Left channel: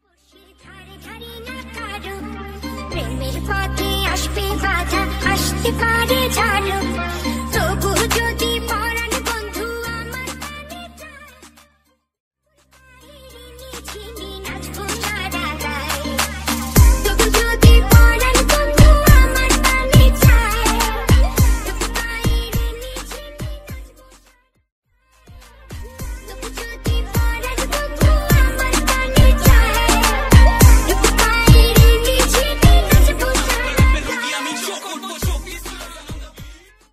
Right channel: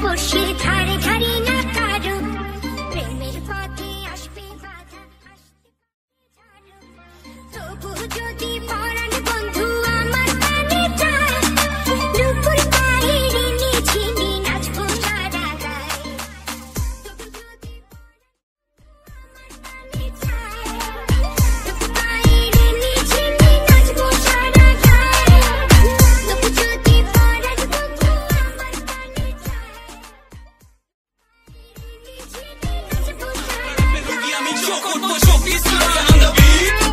ভালোবাসি ধারে ধারে না কারো প্রেমের পথে আসবে বাধা আসতে পারে ঝাড়ো তবু যদি পরাণ বন্ধু আমার কানে চায় নুপুর পায়ের নিঝিনি নাচবো সারা গায়ে তবু যদি পরাণ বন্ধু আমার কানে চায় নুপুর পায়ের নিঝিনি নাচবো সারা গায়ে তবু যদি পরাণ বন্ধু আমার কানে চায় নুপুর পায়ের নিঝিনি নাচবো সারা গায়ে আমি চোখ উঠবো চোখ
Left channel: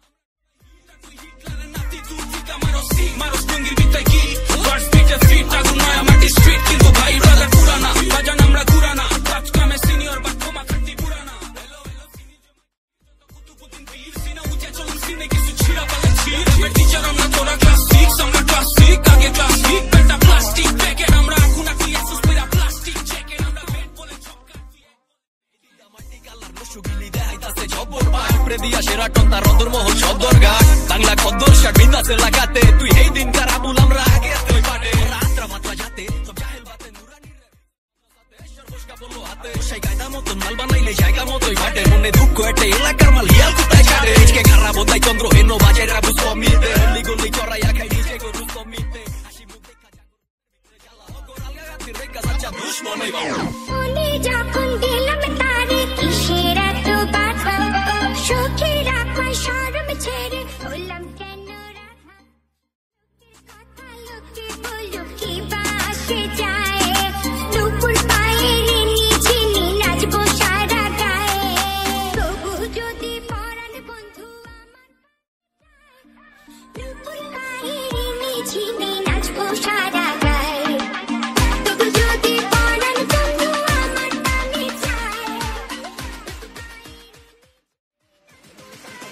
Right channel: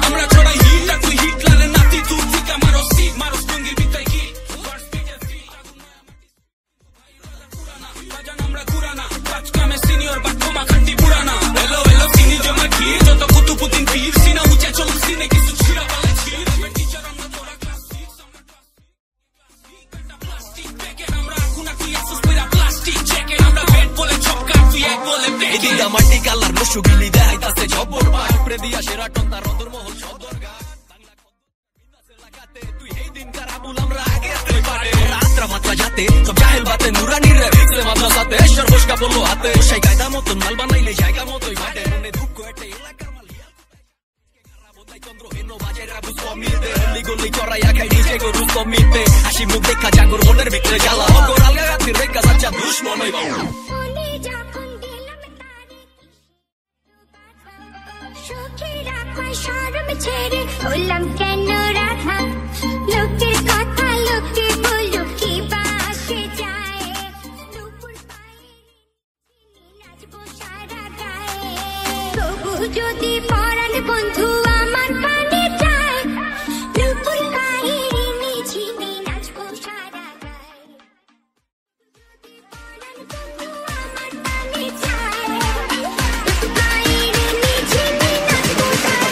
আমরা ছড়াই হিট আর তুই হিটলারের নাতি তুই ঠিক আমারও সিট মারো স্টঙ্গির বিদ্যায় কি ফার্স্ট বিটে ফিট আগুন নয় মাটি স্ট্রিট কিন্তু ভাই ব্রাদার পুরানা বাজান আমরা ঘুরানা কাজ কামে সিনিয়র বাট তোমা খাটি পুরানা এলো এলো সিনি জমা কি যত কুতুবুদ্দিন পীর সিনা উঁচে চলুন সিনে কিছু ছিড়া পালা ছিড় টিচার আমরা তোরা ক্লাস 6 আমরা ক্লাস 6 আগে ক্লাস 6 বেটা প্লাস্টিক প্যাকেট আমরা এখন তুই আসুস পেরা প্লাস্টিক জ্যাকেট আমরা বেড বলে ছক্কা তুই এক বলে এদিকে মাটি কালার মুশুগিলি দেখাইতাছে জবর পায় উপরে দিয়া সেরাটন তার অন্দরমহল সদর ঘাট বাংলা খদ্দর শার্ট বিন্দাসে লাগাতে তুই এই দিন কারাবুল আমরা আগে তুই পাটে রাত্রা মাত্রা যাতে সব জাহেল বাতে নুরানির রে ভিতরে মাদ্রাসাতে সর্বস্কা বললো হাতে সেই কায়দা মতন মাল বানাইলে জায়গা মতোই মাঠে মনে দুঃখ একটা এলাকার মাল হিয়াল কোথায় কাটে আজকে খারাপ হতাই চন্দ্র হেন বাজায় রাবু কমিতে হলি গলি চড়াইয়া খাই নিজে গরু কমিতে হাসি মুখ দেখা জাগর মনের ভিতরে জ্বালা অগর আলগা রাত্রির রেখা যাচ্ছা দুশ্মন হইবা মনে যখন দিলাম তারে কিসের এত বাধা সুখে রাখায় শরম ছেড়ে হলাম কেন রাধা লোকের কথা লোকে বলো কি বা আসে যায় নুপুর পায়ের নিঝিনি নাচবো সারা গায়ে তবু যদি পরাণ বন্ধু আমার কানে চায় নুপুর পায়ের নিঝিনি নাচবো সারা গায়ে তবু যদি পরাণ বন্ধু আমার কানে চায় নুপুর পায়ের নিঝিনি নাচবো সারা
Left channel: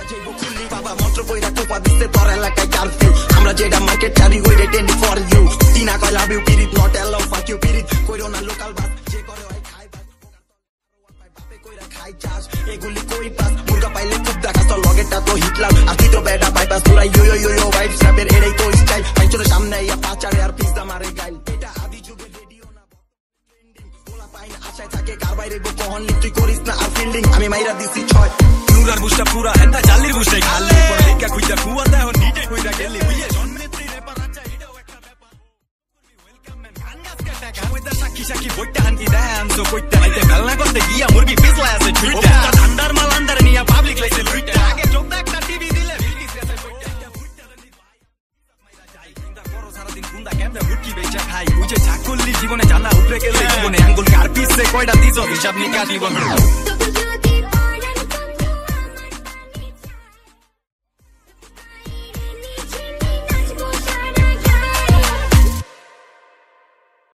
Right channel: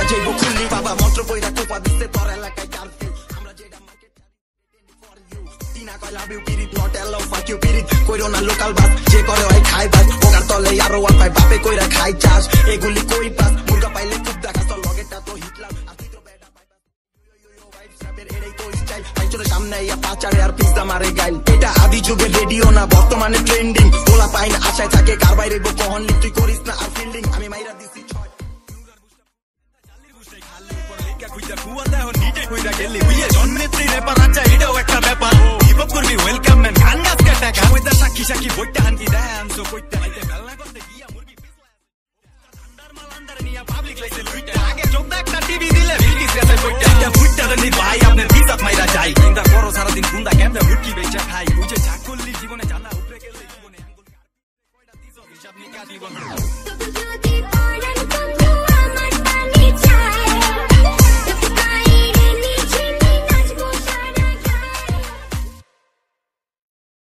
গায়ে বাবা মন্ত্র কইরা কোপা দিতে তোর এলাকায় কারফিউ আমরা যেটা মার্কেট চারি ওইটা টেন ফর ইউ তিনা কয় লাভ ইউ পিরিত নট এলাও ফাক ইউ পিরিত কইরো না লোকাল বাস যে করে হয় খাই বাস ওকার তলে আরো ওয়ান পাই বাপে কইরা খাই চাষ এগুলি কই পাস মুরগা পাইলে খুব দেখাস তোর লগেরটা তো হিটলাম আর তুই তো বেটা বাইপাস পুরা ইউ ইউ ইউ ভাইব স্ন্যাপের এটাই তো স্টাইল পাইচোর সামনে ইয়া পাচারে আর পিজা মারে গাইল এটা আদি যুগের রেডিও না বর্তমানে ট্রেন্ডিং ওলা পাই না আশায় থাকে কার বাইরে গো কহন লিখ তুই করিস না আর ফিল্ডিং আমি মাইরা দিছি 6 নুরার বুঝটা পুরা হেনটা জালির বুঝটাই খালি পর লেখা খুঁজা কুয়া দেহ নিটে কইরা গেলি বুঝে জন্মেত্রী রেপার আচ্ছা এটাও একটা ব্যাপার হিপহপ করবি ওয়েলকাম ম্যান গান গাছ কাটা কামইদা সাক্ষী সাক্ষী বইটা হানকি দেয় আনসো কইতা আইতে বেলনা করতে গিয়া মুরগি পিছলা আছে ছুইটা ঠান্ডার মাল আন্দারে নিয়া পাবলিক লাইছে লুইটা আগে চোখ একটা টিভি দিলে বিলকিস গেছে কইটা এটা ফুটটা দেনি ভাই আপনার পিছাত মাইরা যাই চিন্তা করো সারাদিন গুন্ডা কেমনে মুরগি বেচা খাই বুঝে চাকুল্লি জীবনে জানা উপরে গেলে জীবনে আঙ্গুল কার পিছে কয়টা দিছো হিসাব নিকা জীবন তবু যদি